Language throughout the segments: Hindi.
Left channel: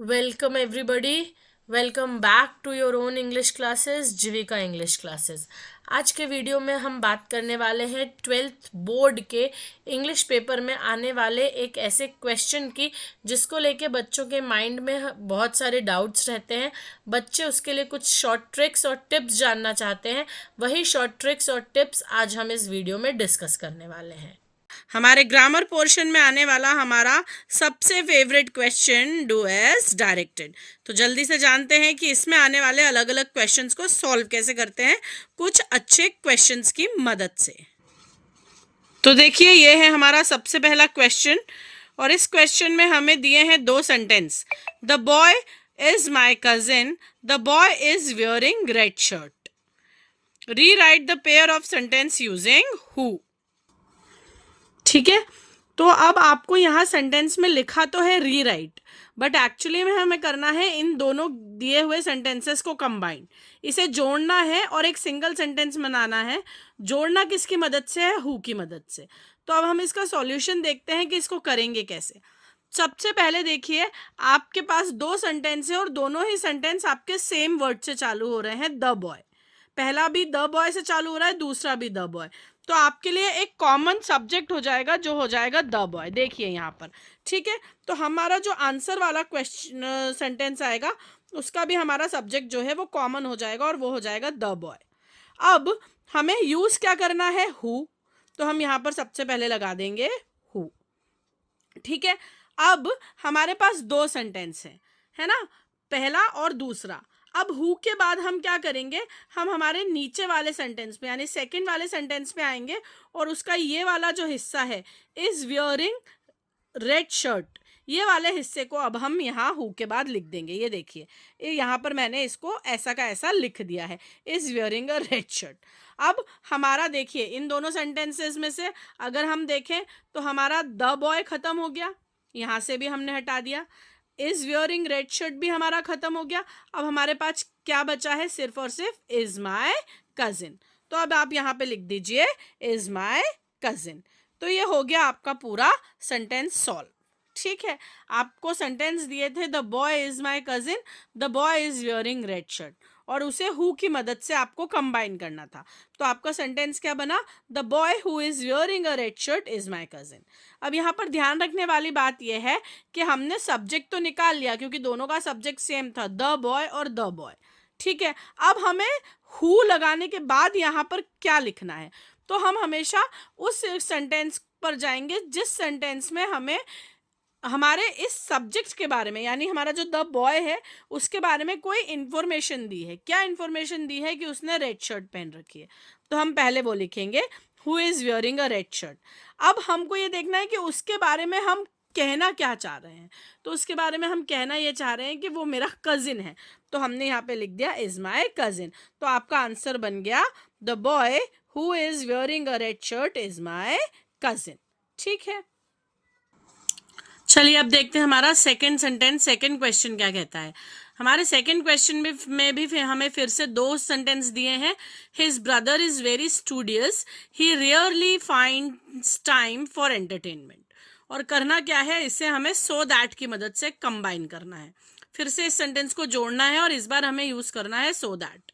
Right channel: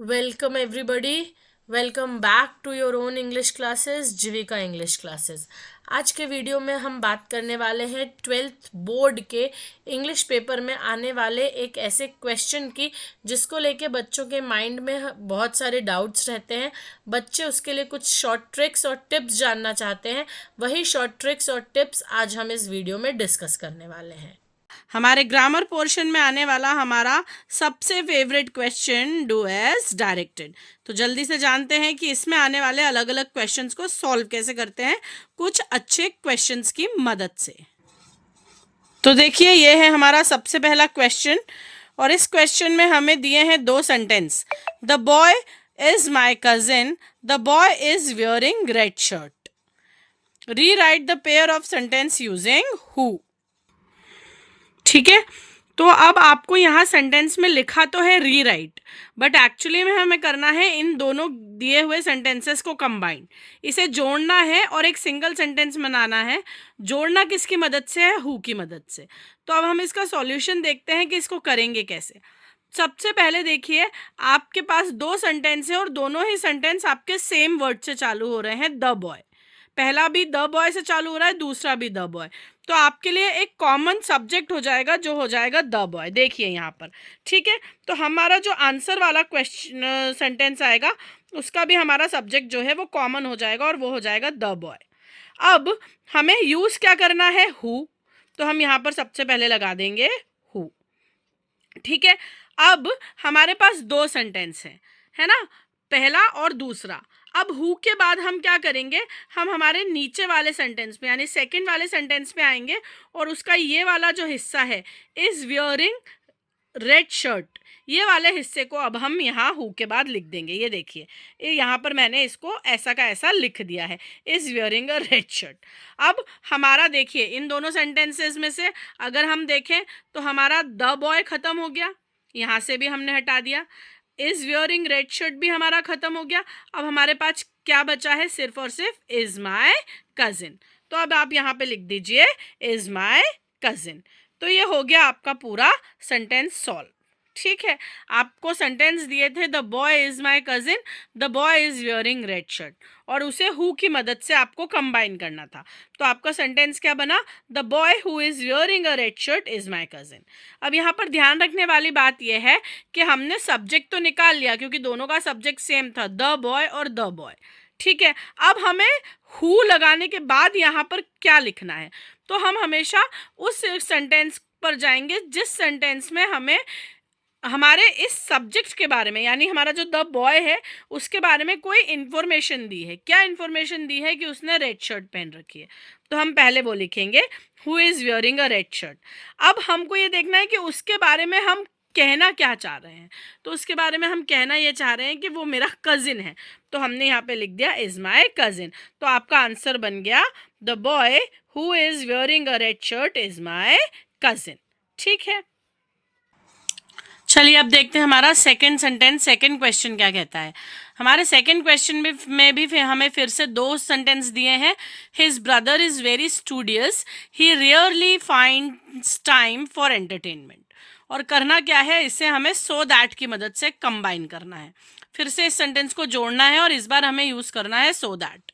Welcome everybody. Welcome back to your own English classes, Jeevika English classes. आज के वीडियो में हम बात करने वाले हैं 12th बोर्ड के इंग्लिश पेपर में आने वाले एक ऐसे क्वेश्चन की जिसको लेके बच्चों के माइंड में बहुत सारे डाउट्स रहते हैं। बच्चे उसके लिए कुछ शॉर्ट ट्रिक्स और टिप्स जानना चाहते हैं। वही शॉर्ट ट्रिक्स और टिप्स आज हम इस वीडियो में डिस्कस करने वाले हैं। हमारे ग्रामर पोर्शन में आने वाला हमारा सबसे favourite question, do as directed. तो जल्दी से जानते हैं कि इसमें आने वाले अलग अलग क्वेश्चंस को सॉल्व कैसे करते हैं कुछ अच्छे क्वेश्चंस की मदद से। तो देखिए, ये है हमारा सबसे पहला क्वेश्चन और इस क्वेश्चन में हमें दिए हैं दो sentence. The boy is my cousin, the boy is wearing red shirt. Rewrite the pair of sentence using who. ठीक है, तो अब आपको यहाँ सेंटेंस में लिखा तो है रीराइट, बट एक्चुअली में हमें करना है इन दोनों दिए हुए सेंटेंसेस को कंबाइन, इसे जोड़ना है और एक सिंगल सेंटेंस बनाना है। जोड़ना किसकी मदद से है? हु की मदद से। तो अब हम इसका सॉल्यूशन देखते हैं कि इसको करेंगे कैसे। सबसे पहले देखिए, आपके पास दो सेंटेंस है और दोनों ही सेंटेंस आपके सेम वर्ड से चालू हो रहे हैं, द बॉय। पहला भी द बॉय से चालू हो रहा है, दूसरा भी द बॉय। तो आपके लिए एक कॉमन सब्जेक्ट हो जाएगा जो हो जाएगा द बॉय। देखिए यहाँ पर, ठीक है। तो हमारा जो आंसर वाला क्वेश्चन सेंटेंस आएगा उसका भी हमारा सब्जेक्ट जो है वो कॉमन हो जाएगा और वो हो जाएगा द बॉय। अब हमें यूज क्या करना है? हु। तो हम यहाँ पर सबसे पहले लगा देंगे हु। ठीक है, अब हमारे पास दो सेंटेंस हैं, है ना, पहला और दूसरा। अब हु के बाद हम क्या करेंगे? हम हमारे नीचे वाले सेंटेंस पे यानी सेकंड वाले सेंटेंस पे आएंगे और उसका ये वाला जो हिस्सा है, इज वियरिंग रेड शर्ट, ये वाले हिस्से को अब हम यहाँ हु के बाद लिख देंगे। ये देखिए, ये यहाँ पर मैंने इसको ऐसा का ऐसा लिख दिया है, is wearing a red shirt. अब हमारा देखिए, इन दोनों सेंटेंसेस में से अगर हम देखें तो हमारा द बॉय खत्म हो गया, यहाँ से भी हमने हटा दिया। इज वियरिंग रेड शर्ट भी हमारा खत्म हो गया। अब हमारे पास क्या बचा है? सिर्फ और सिर्फ इज माई कजिन। तो अब आप यहाँ पे लिख दीजिए इज माई कजिन। तो ये हो गया आपका पूरा सेंटेंस सॉल्व। ठीक है, आपको सेंटेंस दिए थे the boy is my cousin, the boy is wearing red shirt, और उसे हु की मदद से आपको कंबाइन करना था। तो आपका सेंटेंस क्या बना? The boy who is wearing a red shirt is my cousin. अब यहाँ पर ध्यान रखने वाली बात यह है कि हमने सब्जेक्ट तो निकाल लिया क्योंकि दोनों का सब्जेक्ट सेम था, द बॉय और द बॉय। ठीक है, अब हमें हु लगाने के बाद यहाँ पर क्या लिखना है? तो हम हमेशा उस सेंटेंस पर जाएंगे जिस सेंटेंस में हमें हमारे इस सब्जेक्ट के बारे में, यानी हमारा जो द बॉय है उसके बारे में कोई इन्फॉर्मेशन दी है। क्या इन्फॉर्मेशन दी है? कि उसने रेड शर्ट पहन रखी है। तो हम पहले वो लिखेंगे who is wearing a red shirt. अब हमको ये देखना है कि उसके बारे में हम कहना क्या चाह रहे हैं। तो उसके बारे में हम कहना ये चाह रहे हैं कि वो मेरा कजिन है, तो हमने यहाँ पे लिख दिया इज माई कजिन। तो आपका आंसर बन गया the boy who is wearing a red shirt is my cousin. ठीक है, चलिए अब देखते हैं हमारा सेकंड सेंटेंस, सेकंड क्वेश्चन क्या कहता है। हमारे सेकंड क्वेश्चन में भी हमें फिर से दो सेंटेंस दिए हैं। His brother is very studious, he rarely finds time for entertainment. और करना क्या है? इसे हमें सो दैट की मदद से कंबाइन करना है। फिर से इस सेंटेंस को जोड़ना है और इस बार हमें यूज करना है सो दैट।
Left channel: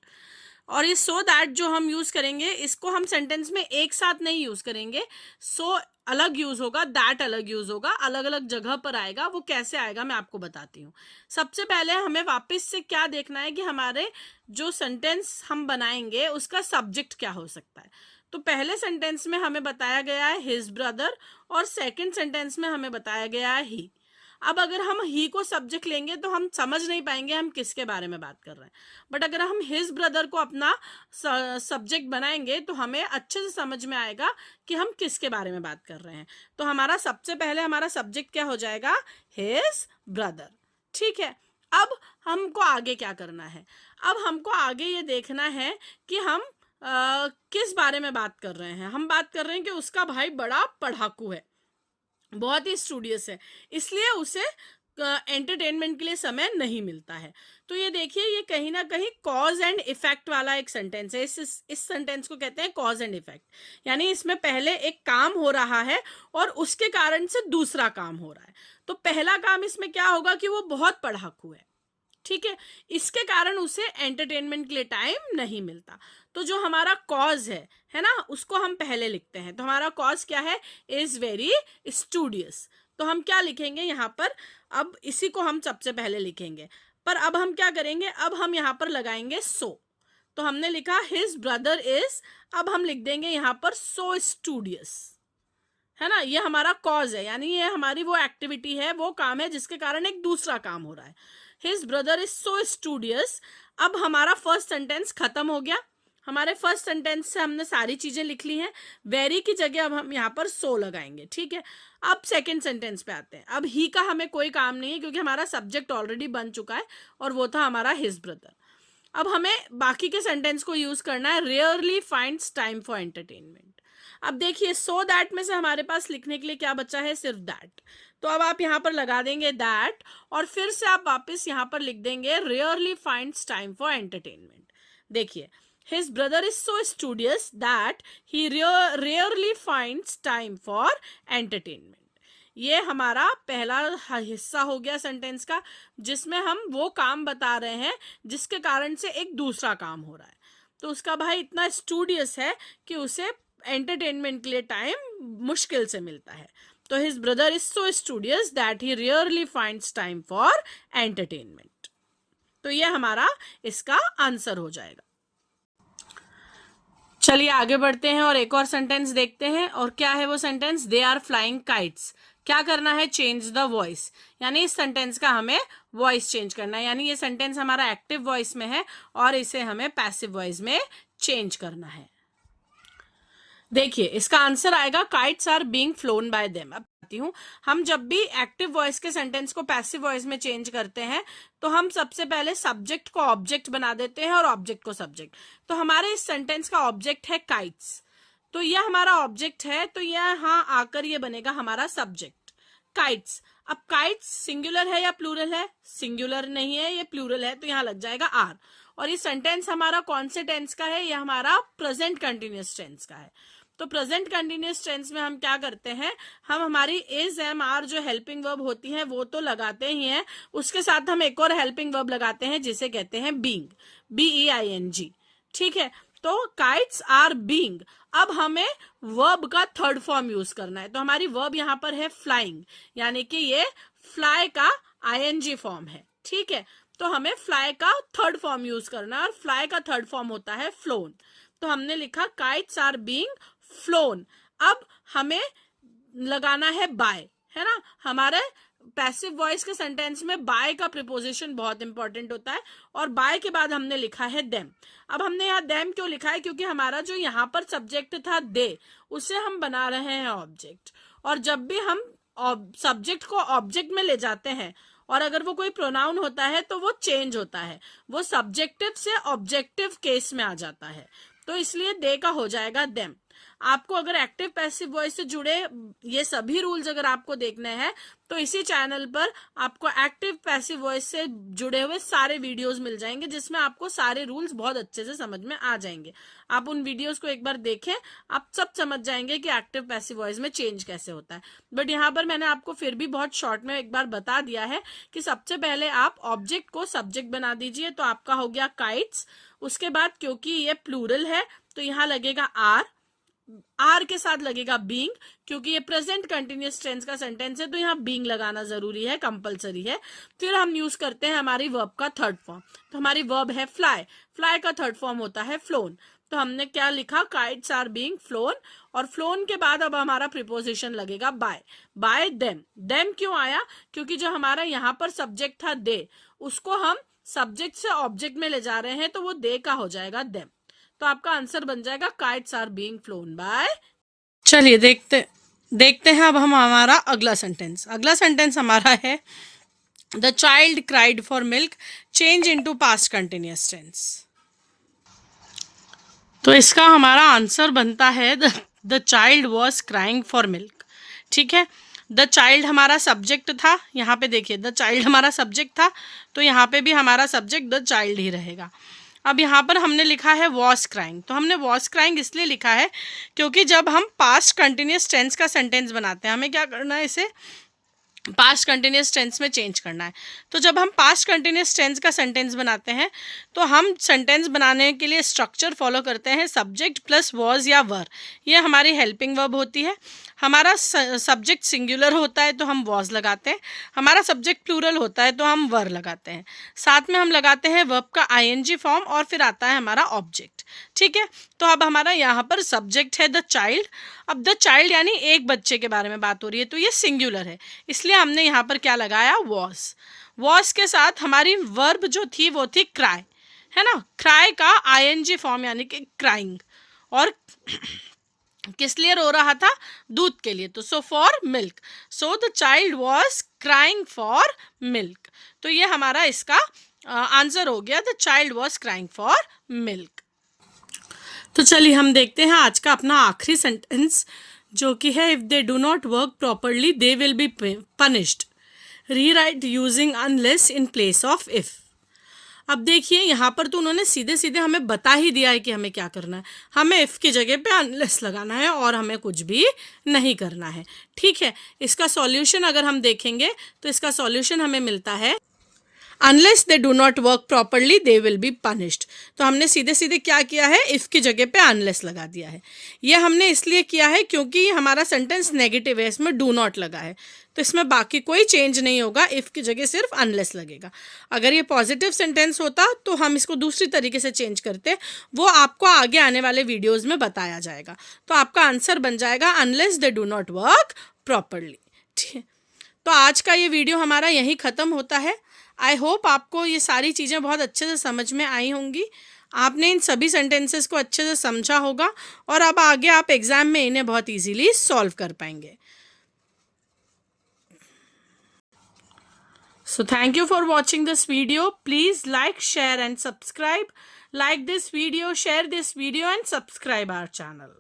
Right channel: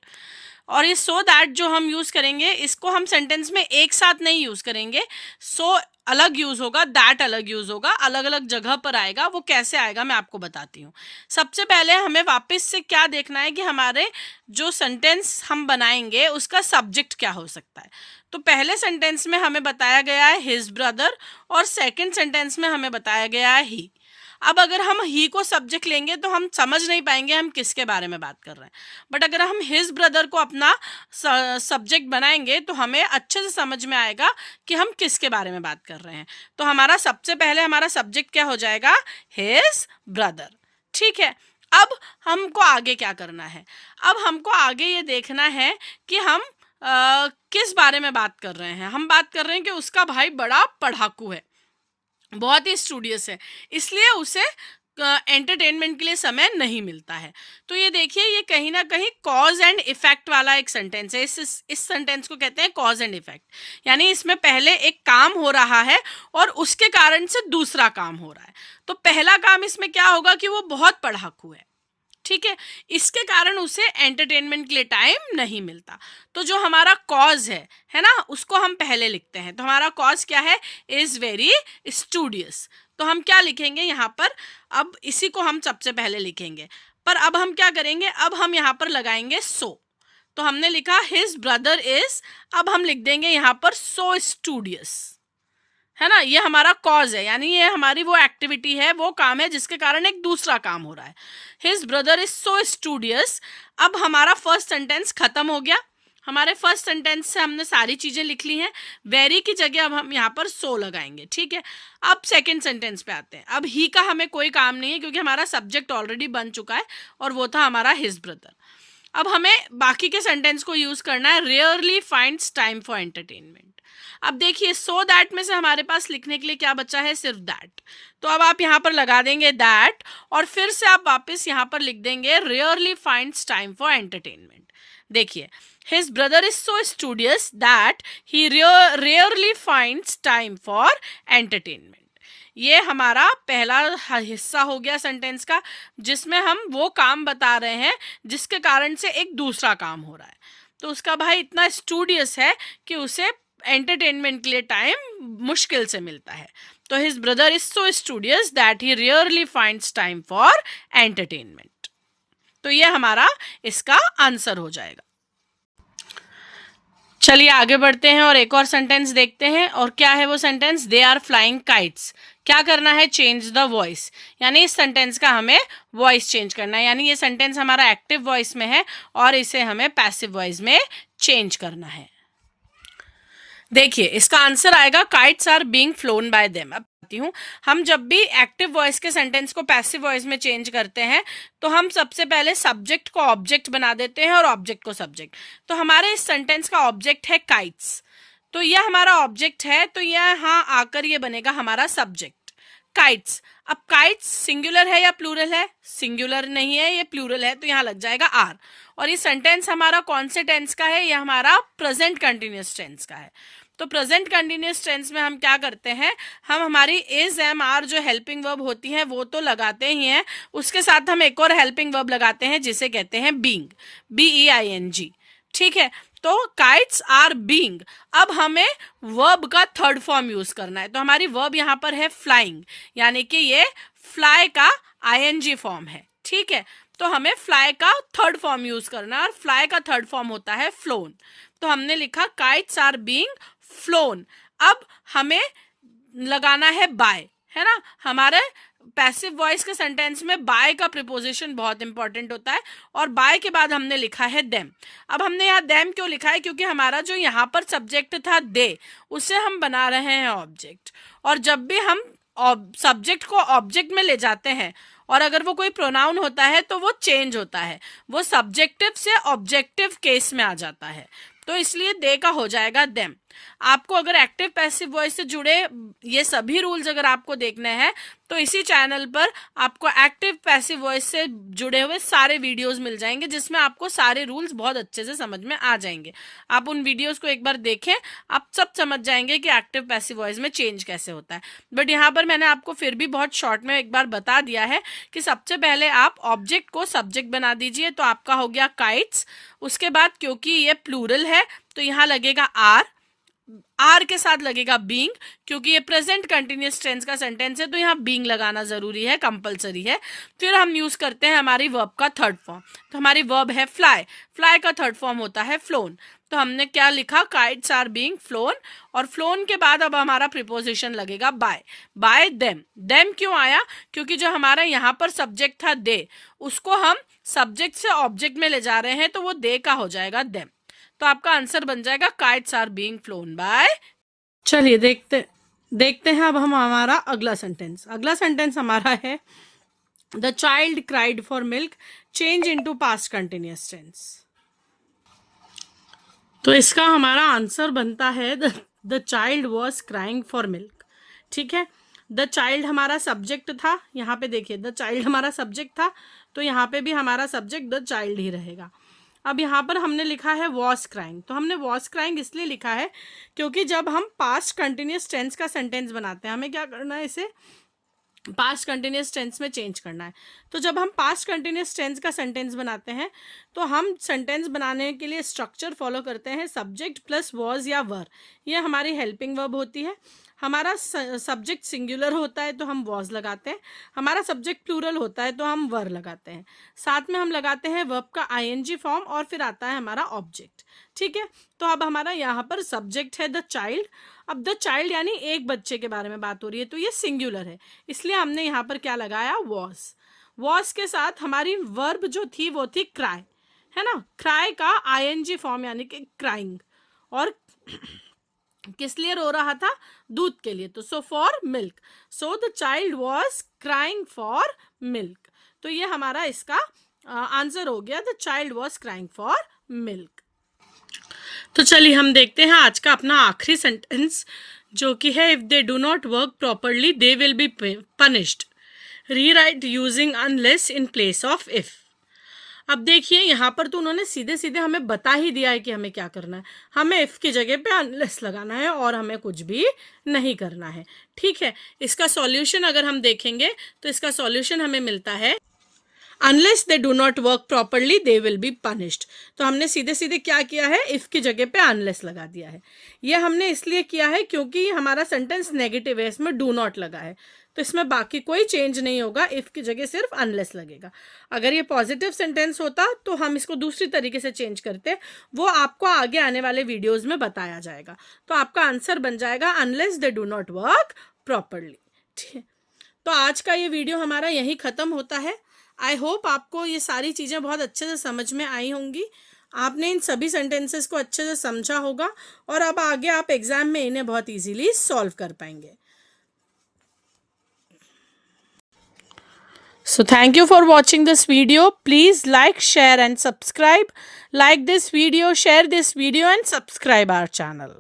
और ये सो दैट जो हम यूज करेंगे, इसको हम सेंटेंस में एक साथ नहीं यूज करेंगे। सो अलग यूज होगा, दैट अलग यूज होगा, अलग अलग जगह पर आएगा। वो कैसे आएगा मैं आपको बताती हूँ। सबसे पहले हमें वापस से क्या देखना है कि हमारे जो सेंटेंस हम बनाएंगे उसका सब्जेक्ट क्या हो सकता है। तो पहले सेंटेंस में हमें बताया गया है हिज ब्रदर और सेकंड सेंटेंस में हमें बताया गया है ही। अब अगर हम ही को सब्जेक्ट लेंगे तो हम समझ नहीं पाएंगे हम किसके बारे में बात कर रहे हैं। बट अगर हम हिज ब्रदर को अपना सब्जेक्ट बनाएंगे तो हमें अच्छे से समझ में आएगा कि हम किसके बारे में बात कर रहे हैं। तो हमारा सबसे पहले हमारा सब्जेक्ट क्या हो जाएगा? His brother. ठीक है, अब हमको आगे क्या करना है? अब हमको आगे ये देखना है कि हम किस बारे में बात कर रहे हैं। हम बात कर रहे हैं कि उसका भाई बड़ा पढ़ाकू है, बहुत ही स्टूडियस है, इसलिए उसे एंटरटेनमेंट के लिए समय नहीं मिलता है। तो ये देखिए, ये कहीं ना कहीं कॉज एंड इफेक्ट वाला एक सेंटेंस है। इस सेंटेंस को कहते हैं कॉज एंड इफेक्ट, यानी इसमें पहले एक काम हो रहा है और उसके कारण से दूसरा काम हो रहा है। तो पहला काम इसमें क्या होगा कि वो बहुत पढ़ाकू है, ठीक है, इसके कारण उसे एंटरटेनमेंट के लिए टाइम नहीं मिलता। तो जो हमारा कॉज है ना, उसको हम पहले लिखते हैं। तो हमारा कॉज क्या है? Is very studious. तो हम क्या लिखेंगे यहाँ पर? अब इसी को हम सबसे पहले लिखेंगे, पर अब हम क्या करेंगे? अब हम यहाँ पर लगाएंगे सो। तो हमने लिखा हिज ब्रदर इज, अब हम लिख देंगे यहाँ पर सो स्टूडियस, है ना। ये हमारा कॉज है, यानी ये हमारी वो एक्टिविटी है, वो काम है जिसके कारण एक दूसरा काम हो रहा है। His brother is so studious. अब हमारा फर्स्ट सेंटेंस खत्म हो गया। हमारे फर्स्ट सेंटेंस से हमने सारी चीजें लिख ली हैं। वेरी की जगह अब हम यहाँ पर सो लगाएंगे, ठीक है। अब सेकंड सेंटेंस पे आते हैं। अब ही का हमें कोई काम नहीं है क्योंकि हमारा सब्जेक्ट ऑलरेडी बन चुका है और वो था हमारा हिज ब्रदर। अब हमें बाकी के सेंटेंस को यूज करना है। Rarely finds time for entertainment. अब देखिए, सो दैट में से हमारे पास लिखने के लिए क्या बचा है? सिर्फ दैट। तो अब आप यहाँ पर लगा देंगे दैट और फिर से आप वापस यहाँ पर लिख देंगे rarely finds time for entertainment. देखिए, his brother is so studious that he rarely finds time for entertainment. ये हमारा पहला हिस्सा हो गया सेंटेंस का, जिसमें हम वो काम बता रहे हैं जिसके कारण से एक दूसरा काम हो रहा है। तो उसका भाई इतना स्टूडियस है कि उसे एंटरटेनमेंट के लिए टाइम मुश्किल से मिलता है। तो his brother is so studious that he rarely finds time for entertainment. तो ये हमारा इसका आंसर हो जाएगा। चलिए आगे बढ़ते हैं और एक और सेंटेंस देखते हैं। और क्या है वो sentence? They are flying kites. क्या करना है? चेंज द वॉइस, यानी इस सेंटेंस का हमें वॉइस चेंज करना है। यानी ये सेंटेंस हमारा एक्टिव वॉइस में है और इसे हमें पैसिव वॉइस में चेंज करना है। देखिए, इसका आंसर आएगा kites are being flown by them. अब बताती हूँ, हम जब भी एक्टिव वॉइस के सेंटेंस को पैसिव वॉइस में चेंज करते हैं तो हम सबसे पहले सब्जेक्ट को ऑब्जेक्ट बना देते हैं और ऑब्जेक्ट को सब्जेक्ट। तो हमारे इस सेंटेंस का ऑब्जेक्ट है काइट्स, तो यह हमारा ऑब्जेक्ट है, तो यहाँ आकर ये बनेगा हमारा सब्जेक्ट काइट्स। अब काइट्स सिंगुलर है या प्लूरल है? सिंगुलर नहीं है, ये प्लूरल है, तो यहाँ लग जाएगा आर। और ये सेंटेंस हमारा कौन से टेंस का है? ये हमारा प्रेजेंट कंटिन्यूअस टेंस का है। तो प्रेजेंट कंटिन्यूअस टेंस में हम क्या करते हैं? हम हमारी इज एम आर जो हेल्पिंग वर्ब होती है वो तो लगाते ही हैं, उसके साथ हम एक और हेल्पिंग वर्ब लगाते हैं जिसे कहते हैं बीइंग, BEING, ठीक है। तो काइट्स आर बीइंग। अब हमें वर्ब का थर्ड फॉर्म यूज करना है। तो हमारी वर्ब यहाँ पर है फ्लाइंग, यानी कि ये फ्लाई का ING फॉर्म है, ठीक है। तो हमें फ्लाई का थर्ड फॉर्म यूज करना है और फ्लाई का थर्ड फॉर्म होता है फ्लोन। तो हमने लिखा काइट्स आर बीइंग फ्लोन। अब हमें लगाना है बाय, है ना। हमारे पैसिव वॉइस के सेंटेंस में बाय का प्रीपोजिशन बहुत इंपॉर्टेंट होता है और बाय के बाद हमने लिखा है देम। अब हमने यहाँ देम क्यों लिखा है? क्योंकि हमारा जो यहाँ पर सब्जेक्ट था दे, उसे हम बना रहे हैं ऑब्जेक्ट। और जब भी हम सब्जेक्ट को ऑब्जेक्ट में ले जाते हैं और अगर वो कोई प्रोनाउन होता है तो वो चेंज होता है, वो सब्जेक्टिव से ऑब्जेक्टिव केस में आ जाता है। तो इसलिए दे का हो जाएगा देम। आपको अगर एक्टिव पैसिव वॉइस से जुड़े ये सभी रूल्स अगर आपको देखने हैं तो इसी चैनल पर आपको एक्टिव पैसिव वॉइस से जुड़े हुए सारे वीडियोस मिल जाएंगे, जिसमें आपको सारे रूल्स बहुत अच्छे से समझ में आ जाएंगे। आप उन वीडियोस को एक बार देखें, आप सब समझ जाएंगे कि एक्टिव पैसिव वॉइस में चेंज कैसे होता है। बट यहाँ पर मैंने आपको फिर भी बहुत शॉर्ट में एक बार बता दिया है कि सबसे पहले आप ऑब्जेक्ट को सब्जेक्ट बना दीजिए, तो आपका हो गया काइट्स। उसके बाद क्योंकि ये प्लूरल है तो यहाँ लगेगा आर के साथ लगेगा बीइंग, क्योंकि ये प्रेजेंट कंटिन्यूअस टेंस का सेंटेंस है तो यहाँ बीइंग लगाना जरूरी है, कंपलसरी है। फिर हम यूज करते हैं हमारी वर्ब का थर्ड फॉर्म। तो हमारी वर्ब है फ्लाई, फ्लाई का थर्ड फॉर्म होता है फ्लोन। तो हमने क्या लिखा? Kites are being flown. और फ्लोन के बाद अब हमारा प्रीपोजिशन लगेगा बाय, बाय देम। देम क्यों आया? क्योंकि जो हमारा यहाँ पर सब्जेक्ट था दे, उसको हम सब्जेक्ट से ऑब्जेक्ट में ले जा रहे हैं, तो वो दे का हो जाएगा देम। तो आपका आंसर बन जाएगा kites are being flown by. चलिए देखते हैं अब हम हमारा अगला सेंटेंस। अगला सेंटेंस हमारा है the child cried for milk, change into past continuous tense. तो इसका हमारा आंसर बनता है the child was crying for milk, ठीक है। द चाइल्ड हमारा सब्जेक्ट था, यहाँ पे देखिए द चाइल्ड हमारा सब्जेक्ट था, तो यहाँ पे भी हमारा सब्जेक्ट द चाइल्ड ही रहेगा। अब यहाँ पर हमने लिखा है वॉज क्राइंग, तो हमने वॉज क्राइंग इसलिए लिखा है क्योंकि जब हम पास्ट कंटिन्यूस टेंस का सेंटेंस बनाते हैं हमें क्या करना है, इसे पास्ट कंटिन्यूस टेंस में चेंज करना है। तो जब हम पास्ट कंटिन्यूस टेंस का सेंटेंस बनाते हैं तो हम सेंटेंस बनाने के लिए स्ट्रक्चर फॉलो करते हैं सब्जेक्ट प्लस वॉज या वर, ये हमारी हेल्पिंग वर्ब होती है। हमारा सब्जेक्ट सिंगुलर होता है तो हम वॉज लगाते हैं, हमारा सब्जेक्ट प्लूरल होता है तो हम वर लगाते हैं, साथ में हम लगाते हैं वर्ब का आईएनजी फॉर्म और फिर आता है हमारा ऑब्जेक्ट। ठीक है, तो अब हमारा यहाँ पर सब्जेक्ट है द चाइल्ड। अब द चाइल्ड यानी एक बच्चे के बारे में बात हो रही है तो ये सिंगुलर है, इसलिए हमने यहाँ पर क्या लगाया, वॉज। वॉज के साथ हमारी वर्ब जो थी वो थी क्राई, है ना। क्राई का आईएनजी फॉर्म यानी कि क्राइंग, और किस लिए रो रहा था, दूध के लिए, तो so for milk, so the child was crying for milk. तो ये हमारा इसका आंसर हो गया, the child was crying for milk. तो चलिए हम देखते हैं आज का अपना आखिरी सेंटेंस जो कि है if they do not work properly they will be punished, rewrite using unless in place of if. अब देखिए यहाँ पर तो उन्होंने सीधे सीधे हमें बता ही दिया है कि हमें क्या करना है, हमें इफ़ की जगह पे अनलेस लगाना है और हमें कुछ भी नहीं करना है। ठीक है, इसका सॉल्यूशन अगर हम देखेंगे तो इसका सॉल्यूशन हमें मिलता है unless they do not work properly they will be punished. तो हमने सीधे सीधे क्या किया है, इफ़ की जगह पे अनलेस लगा दिया है। ये हमने इसलिए किया है क्योंकि हमारा सेंटेंस नेगेटिव है, इसमें डू नॉट लगा है, तो इसमें बाकी कोई चेंज नहीं होगा, इफ़ की जगह सिर्फ अनलेस लगेगा। अगर ये पॉजिटिव सेंटेंस होता तो हम इसको दूसरी तरीके से चेंज करते, वो आपको आगे आने वाले वीडियोज़ में बताया जाएगा। तो आपका आंसर बन जाएगा unless they do not work properly. ठीक, तो आज का ये वीडियो हमारा यहीं ख़त्म होता है। आई होप आपको ये सारी चीज़ें बहुत अच्छे से समझ में आई होंगी, आपने इन सभी सेंटेंसेस को अच्छे से समझा होगा और अब आगे आप एग्ज़ाम में इन्हें बहुत इजीली सॉल्व कर पाएंगे। So thank you for watching this video. Please like, share and subscribe. Like this video, share this video and subscribe our channel.